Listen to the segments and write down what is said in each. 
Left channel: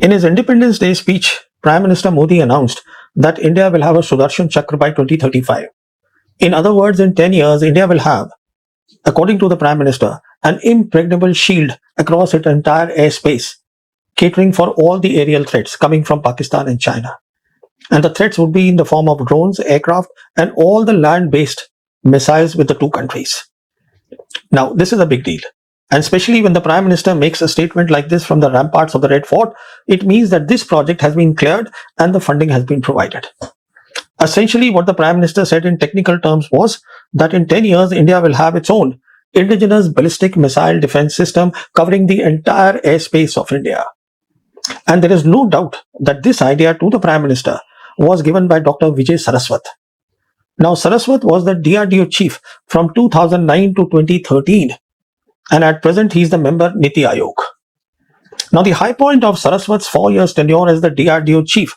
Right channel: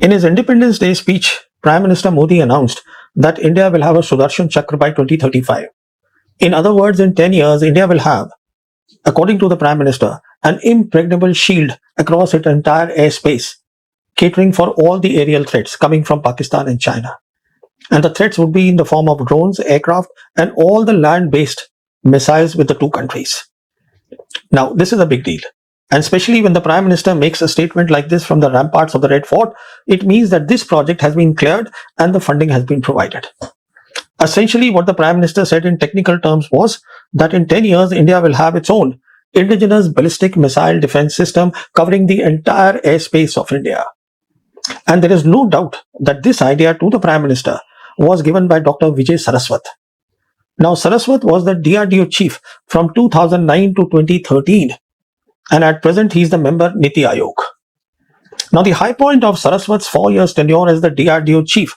In his Independence Day speech, Prime Minister Modi announced that India will have a Sudarshan Chakar by 2035. In other words, in 10 years, India will have, according to the Prime Minister, an impregnable shield across its entire airspace, catering for all the aerial threats coming from Pakistan and China. And the threats would be in the form of drones, aircraft, and all the land-based countries. Now, this is a big deal. And especially when the Prime Minister makes a statement like this from the ramparts of the Red Fort, it means that this project has been cleared and the funding has been provided. Essentially, what the Prime Minister said in technical terms was that in 10 years, India will have its own indigenous ballistic missile defense system covering the entire airspace of India. And there is no doubt that this idea to the Prime Minister was given by Dr. Vijay Saraswat. Now, Saraswat was the DRDO chief from 2009 to 2013. And at present, he is the member Niti Aayog. Now, the high point of Saraswat's 4 years tenure as the DRDO chief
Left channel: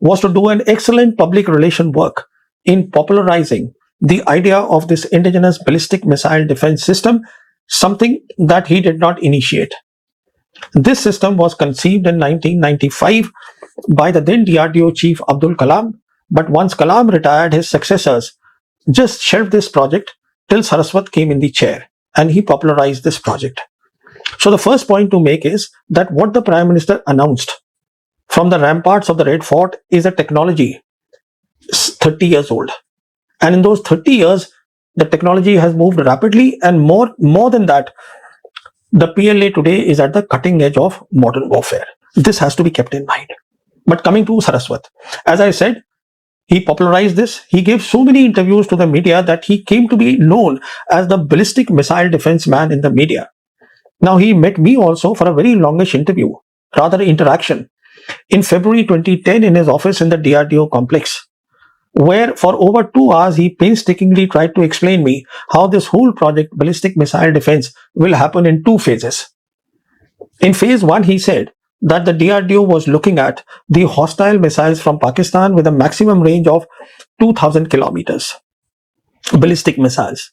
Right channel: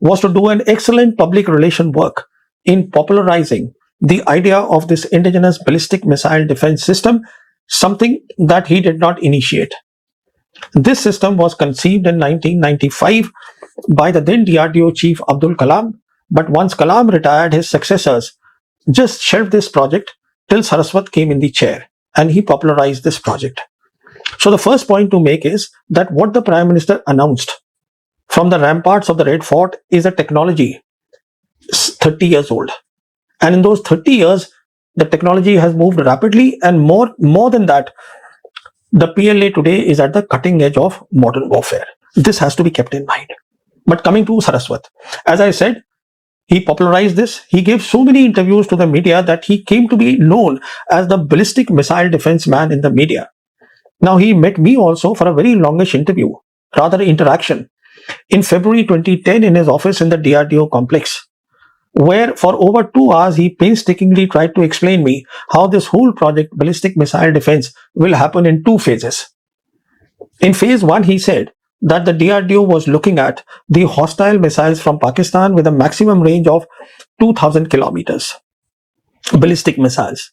was to do an excellent public relation work in popularizing the idea of this indigenous ballistic missile defense system, something that he did not initiate. This system was conceived in 1995 by the then DRDO chief Abdul Kalam, but once Kalam retired, his successors just shelved this project till Saraswat came in the chair. And he popularized this project. So the first point to make is that what the Prime Minister announced from the ramparts of the Red Fort is a technology 30 years old. And in those 30 years, the technology has moved rapidly, and more than that, the PLA today is at the cutting edge of modern warfare. This has to be kept in mind. But coming to Saraswat, as I said, he popularized this. He gave so many interviews to the media that he came to be known as the ballistic missile defense man in the media. Now, he met me also for a very longish interview, rather interaction, in February 2010 in his office in the DRDO complex, where for over 2 hours he painstakingly tried to explain me how this whole project, ballistic missile defense, will happen in 2 phases. In phase 1, he said that the DRDO was looking at the hostile missiles from Pakistan with a maximum range of 2,000 kilometers, ballistic missiles.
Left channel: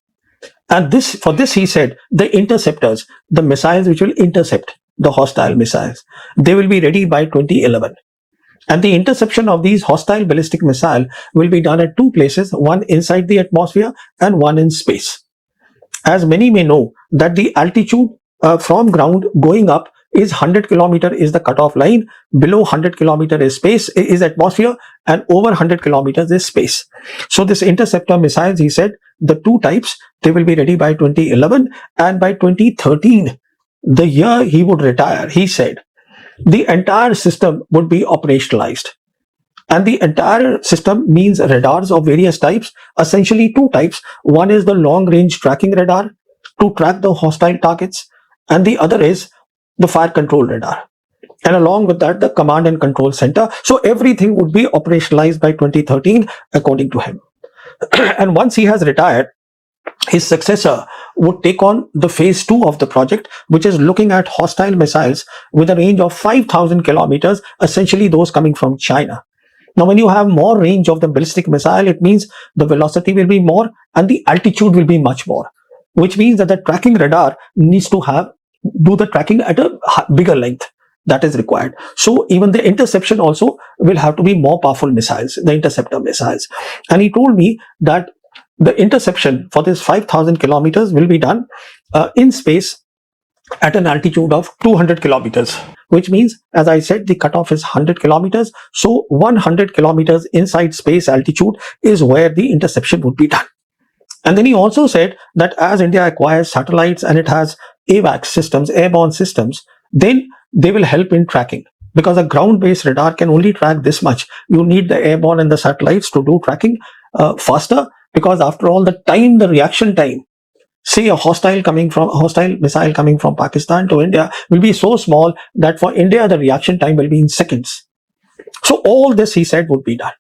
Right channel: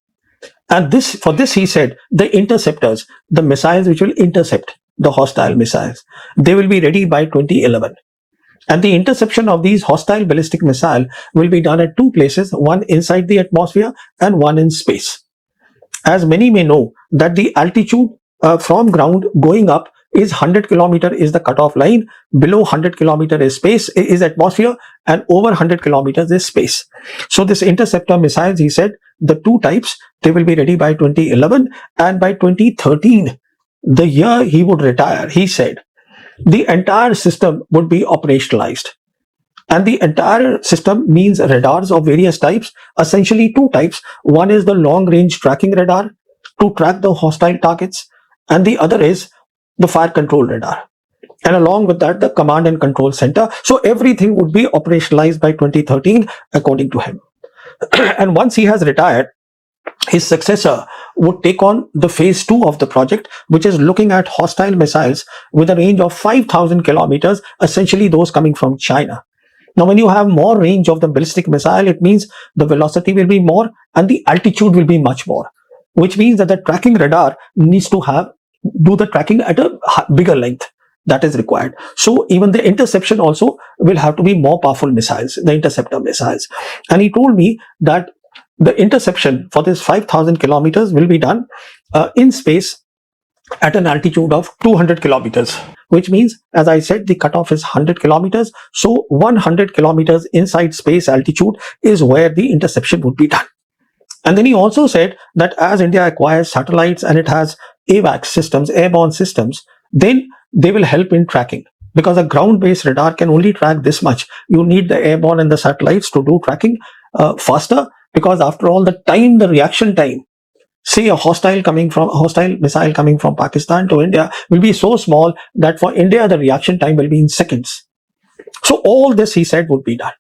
And for this, he said, the interceptors, the missiles which will intercept the hostile missiles, they will be ready by 2011. And the interception of these hostile ballistic missiles will be done at 2 places, one inside the atmosphere and one in space. As many may know that the altitude from ground going up is 100 kilometer is the cutoff line, below 100 kilometer is space, is atmosphere, and over 100 kilometers is space. So this interceptor missiles, he said, the 2 types, they will be ready by 2011, and by 2013, the year he would retire, he said, the entire system would be operationalized. And the entire system means radars of various types, essentially 2 types. One is the long-range tracking radar to track the hostile targets, and the other is the fire control radar. And along with that, the command and control center. So everything would be operationalized by 2013, according to him. And once he has retired, his successor would take on the phase 2 of the project, which is looking at hostile missiles with a range of 5,000 kilometers, essentially those coming from China. Now, when you have more range of the ballistic missile, it means the velocity will be more and the altitude will be much more, which means that the tracking radar needs to do the tracking at a bigger length that is required. So even the interception also will have to be more powerful missiles, the interceptor missiles. And he told me that the interception for this 5,000 kilometers will be done in space at an altitude of 200 kilometers, which means, as I said, the cutoff is 100 kilometers. So 100 kilometers inside space altitude is where the interception would be done. And then he also said that as India acquires satellites and it has AWACS systems, airborne systems, then they will help in tracking. Because a ground-based radar can only track this much. You need the airborne and the satellites to do tracking faster. Because after all, the reaction time, say a hostile missile coming from Pakistan to India will be so small that for India, the reaction time will be in seconds. So all this, he said, would be done.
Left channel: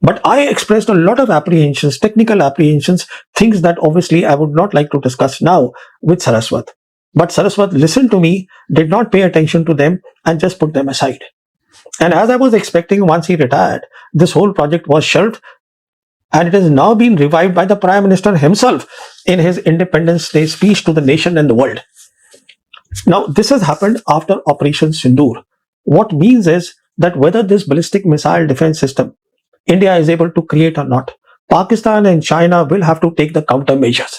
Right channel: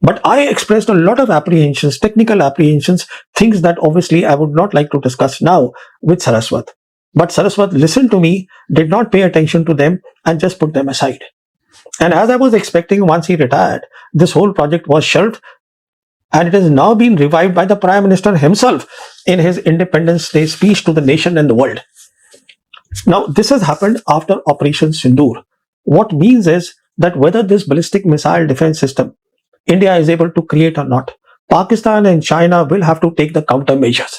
But I expressed a lot of apprehensions, technical apprehensions, things that obviously I would not like to discuss now with Saraswat. But Saraswat listened to me, did not pay attention to them, and just put them aside. And as I was expecting, once he retired, this whole project was shelved. And it has now been revived by the Prime Minister himself in his Independence Day speech to the nation and the world. Now, this has happened after Operation Sindoor. what means is that whether this ballistic missile defense system India is able to create or not, Pakistan and China will have to take the countermeasures.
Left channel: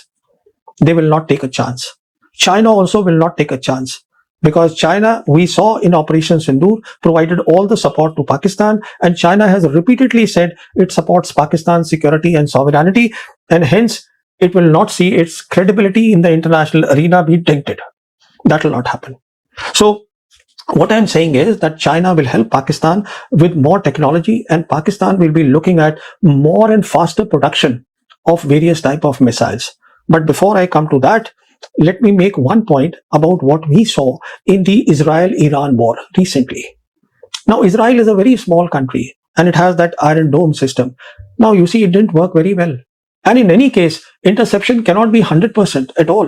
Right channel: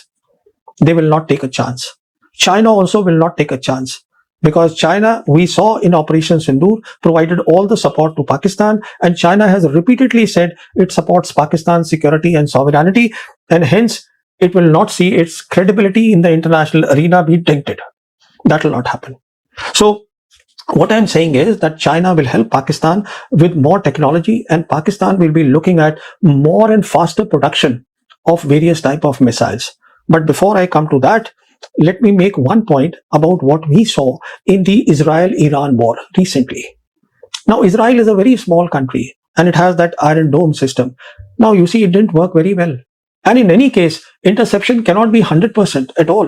They will not take a chance. China also will not take a chance, because China, we saw in Operation Sindoor, provided all the support to Pakistan, and China has repeatedly said it supports Pakistan's security and sovereignty, and hence it will not see its credibility in the international arena be dented. That will not happen. So what I'm saying is that China will help Pakistan with more technology, and Pakistan will be looking at more and faster production of various type of missiles. But before I come to that, let me make one point about what we saw in the Israel-Iran war recently. Now, Israel is a very small country and it has that Iron Dome system. Now, you see, it didn't work very well. And in any case, interception cannot be 100% at all.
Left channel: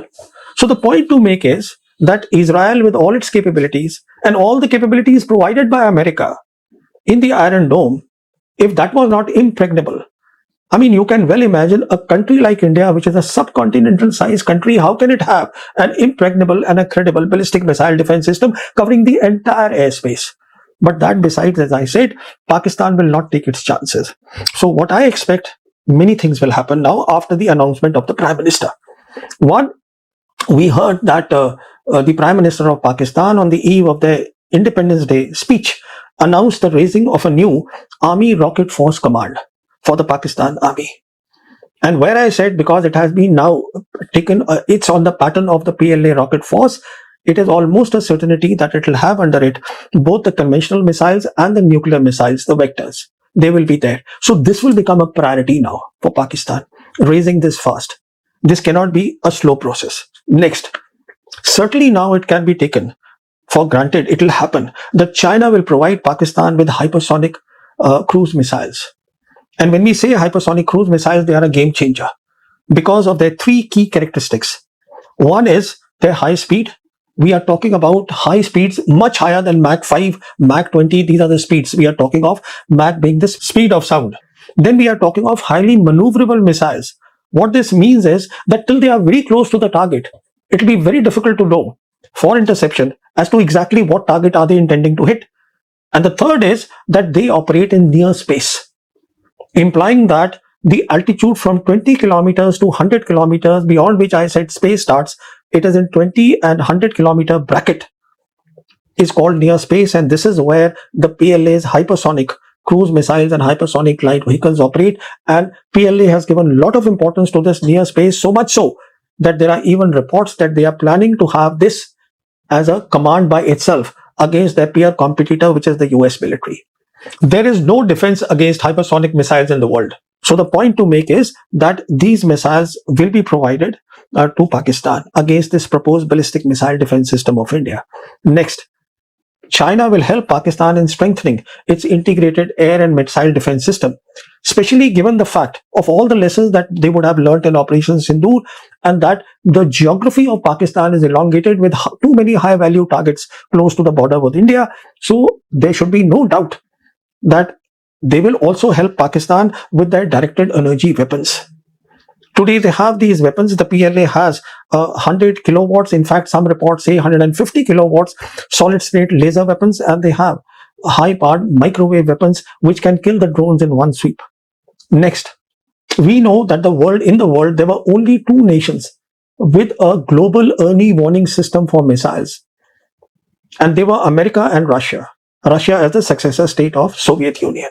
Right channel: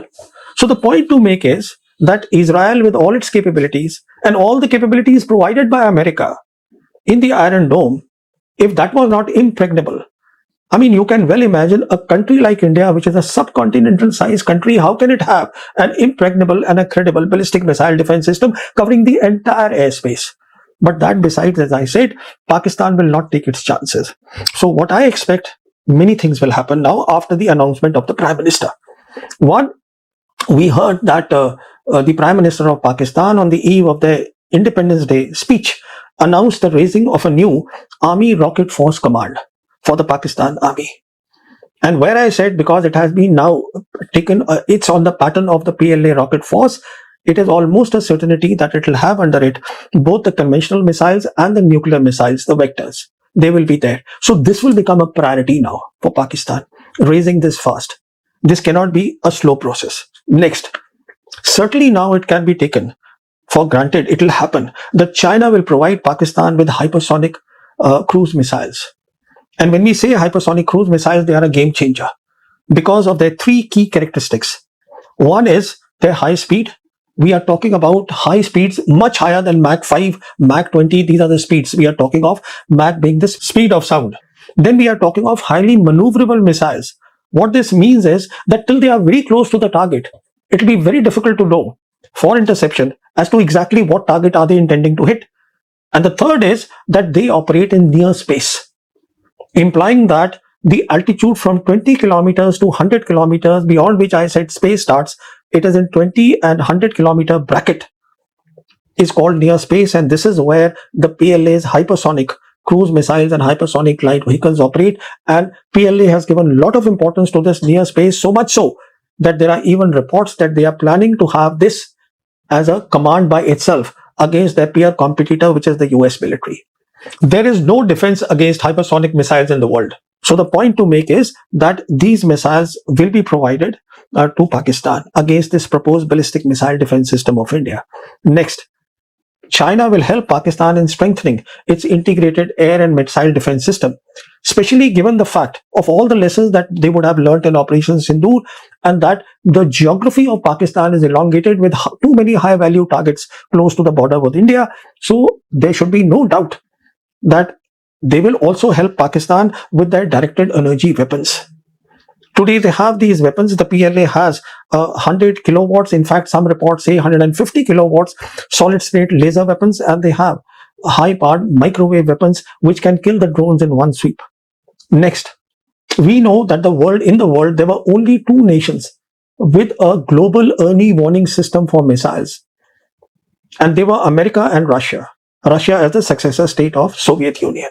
So the point to make is that Israel, with all its capabilities and all the capabilities provided by America in the Iron Dome, if that was not impregnable, I mean, you can well imagine a country like India, which is a subcontinental sized country, how can it have an impregnable and a credible ballistic missile defense system covering the entire airspace? But that besides, as I said, Pakistan will not take its chances. So what I expect, many things will happen now after the announcement of the Prime Minister. One, we heard that the Prime Minister of Pakistan on the eve of the Independence Day speech announced the raising of a new Army Rocket Force Command for the Pakistan Army. And where I said, because it has been now taken, it's on the pattern of the PLA rocket force, it is almost a certainty that it will have under it both the conventional missiles and the nuclear missiles, the vectors. They will be there. So this will become a priority now for Pakistan, raising this fast. This cannot be a slow process. Next, certainly now it can be taken for granted, it will happen, that China will provide Pakistan with hypersonic cruise missiles. And when we say hypersonic cruise missiles, they are a game changer because of their three key characteristics. One is their high speed. We are talking about high speeds much higher than Mach 5, Mach 20. These are the speeds we are talking of, Mach being the speed of sound. Then we are talking of highly maneuverable missiles. What this means is that till they are very close to the target, it will be very difficult to know for interception as to exactly what target are they intending to hit. And the third is that they operate in near space, implying that the altitude from 20 kilometers to 100 kilometers, beyond which I said space starts, it is in 20 and 100 kilometer bracket. It's called near space, and this is where the PLA's hypersonic cruise missiles and hypersonic light vehicles operate. PLA has given a lot of importance to this near space, so much so that there are even reports that they are planning to have this as a command by itself against their peer competitor, which is the US military. There is no defense against hypersonic missiles in the world. So the point to make is that these missiles will be provided to Pakistan against this proposed ballistic missile defense system of India. Next, China will help Pakistan in strengthening its integrated air and missile defense system, especially given the fact of all the lessons that they would have learned in Operation Sindoor, and that the geography of Pakistan is elongated with too many high-value targets close to the border with India. So there should be no doubt that they will also help Pakistan with their directed energy weapons. Today they have these weapons. The PLA has 100 kilowatts. In fact, some reports say 150 kilowatts solid-state laser weapons, and they have high-powered microwave weapons which can kill the drones in one sweep. Next, we know that in the world, there were only two nations with a global early warning system for missiles, and they were America and Russia. Russia as the successor state of Soviet Union.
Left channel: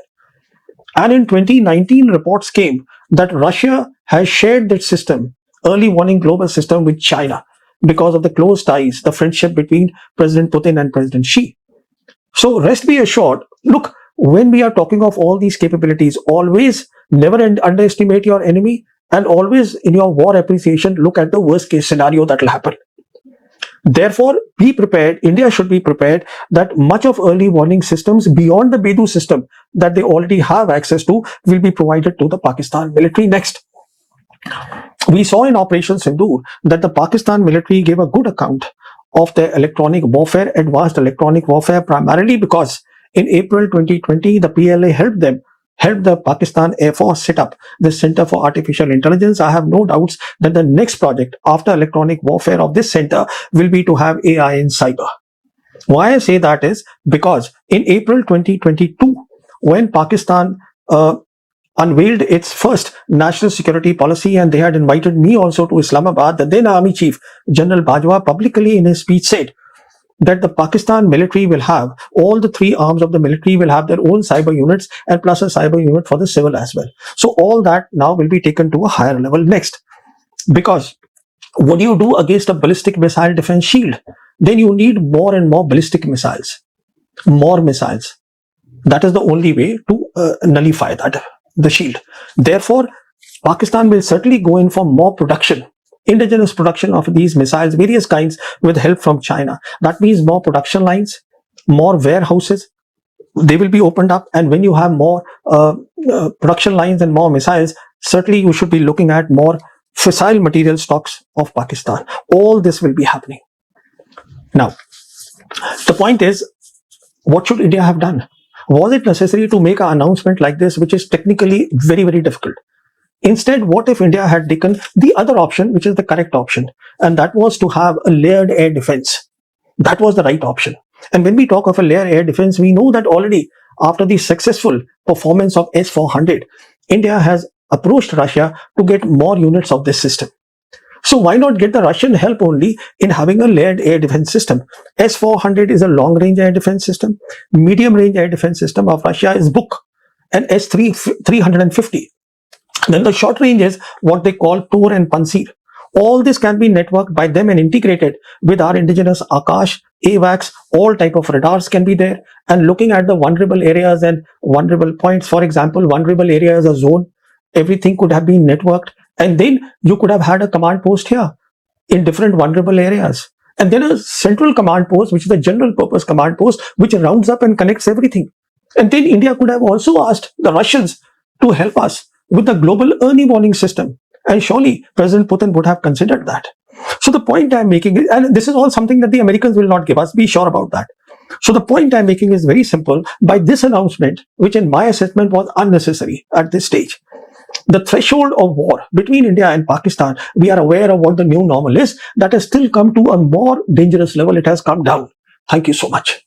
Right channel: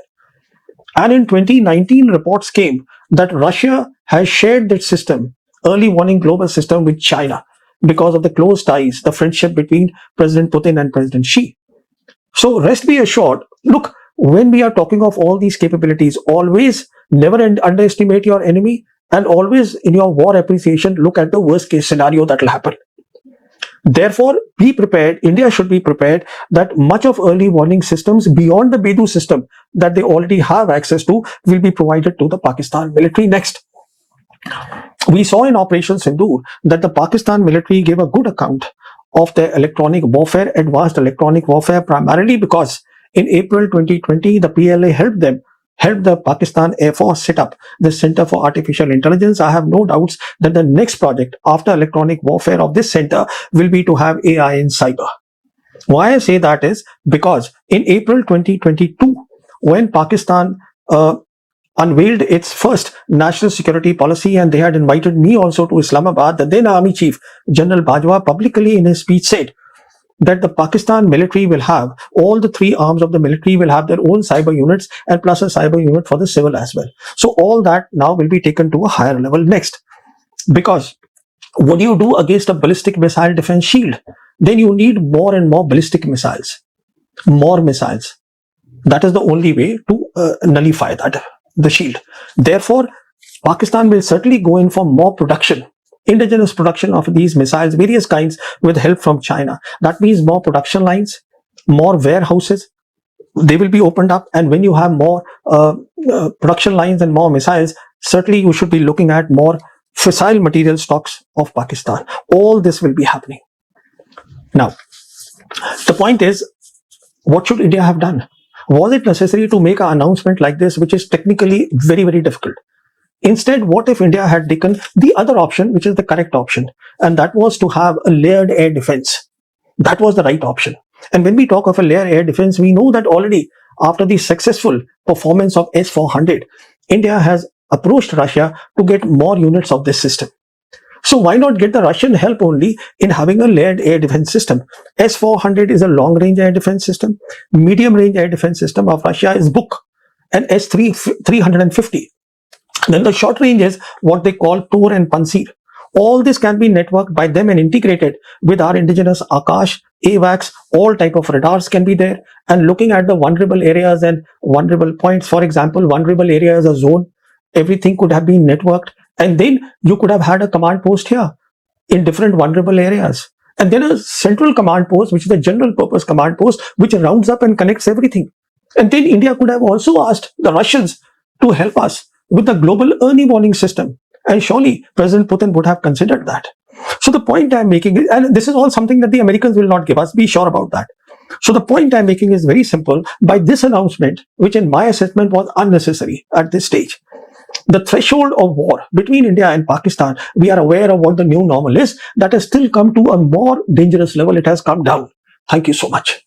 And in 2019, reports came that Russia has shared that system, early warning global system, with China because of the close ties, the friendship between President Putin and President Xi. So rest be assured, look, when we are talking of all these capabilities, always never underestimate your enemy, and always in your appreciation look at the worst case scenario that will happen. Therefore, be prepared. India should be prepared that much of early warning systems beyond the Bedu system that they already have access to will be provided to the Pakistan military. Next, we saw in Operation Sindoor that the Pakistan military gave a good account of their electronic warfare, advanced electronic warfare, primarily because in April 2020, the PLA helped the Pakistan Air Force set up the Center for Artificial Intelligence. I have no doubts that the next project after electronic warfare of this center will be to have AI in cyber. Why I say that is, In April 2022, when Pakistan unveiled its first national security policy, and they had invited me also to Islamabad, the then Army Chief General Bajwa publicly in his speech said that the Pakistan military will have, all the three arms of the military will have their own cyber units and plus a cyber unit for the civil as well. So all that now will be taken to a higher level next. Because what do you do against a ballistic missile defense shield? Then you need more and more ballistic missiles, more missiles. That is the only way to nullify that, the shield. Therefore, Pakistan will certainly go in for more production, indigenous production of these missiles, various kinds, with help from China. That means more production lines, more warehouses. They will be opened up, and when you have more production lines and more missiles, certainly you should be looking at more fissile material stocks of Pakistan. All this will be happening. Now, the point is, what should India have done? Was it necessary to make an announcement like this, which is technically very, very difficult? Instead, what if India had taken the other option, which is the correct option, and that was to have a layered air defense? That was the right option. And when we talk of a layered air defense, we know that already after the successful performance of S-400, India has approached Russia to get more units of this system. So why not get the Russian help only in having a layered air defense system? S-400 is a long-range air defense system. Medium-range air defense system of Russia is Buk, and S-350. Then the short range is what they call Tor and Pansir. All this can be networked by them and integrated with our indigenous Akash, AWACS, all type of radars can be there. And looking at the vulnerable areas and vulnerable points, for example, vulnerable area is a zone. Everything could have been networked, and then you could have had a command post here in different vulnerable areas. And then a central command post, which is a general purpose command post, which rounds up and connects everything. And then India could have also asked the Russians to help us with the global early warning system. And surely President Putin would have considered that. So the point I'm making is, and this is all something that the Americans will not give us, be sure about that. So the point I'm making is very simple. By this announcement, which in my assessment was unnecessary at this stage, the threshold of war between India and Pakistan, we are aware of what the new normal is, that has still come to a more dangerous level. It has come down. Thank you so much.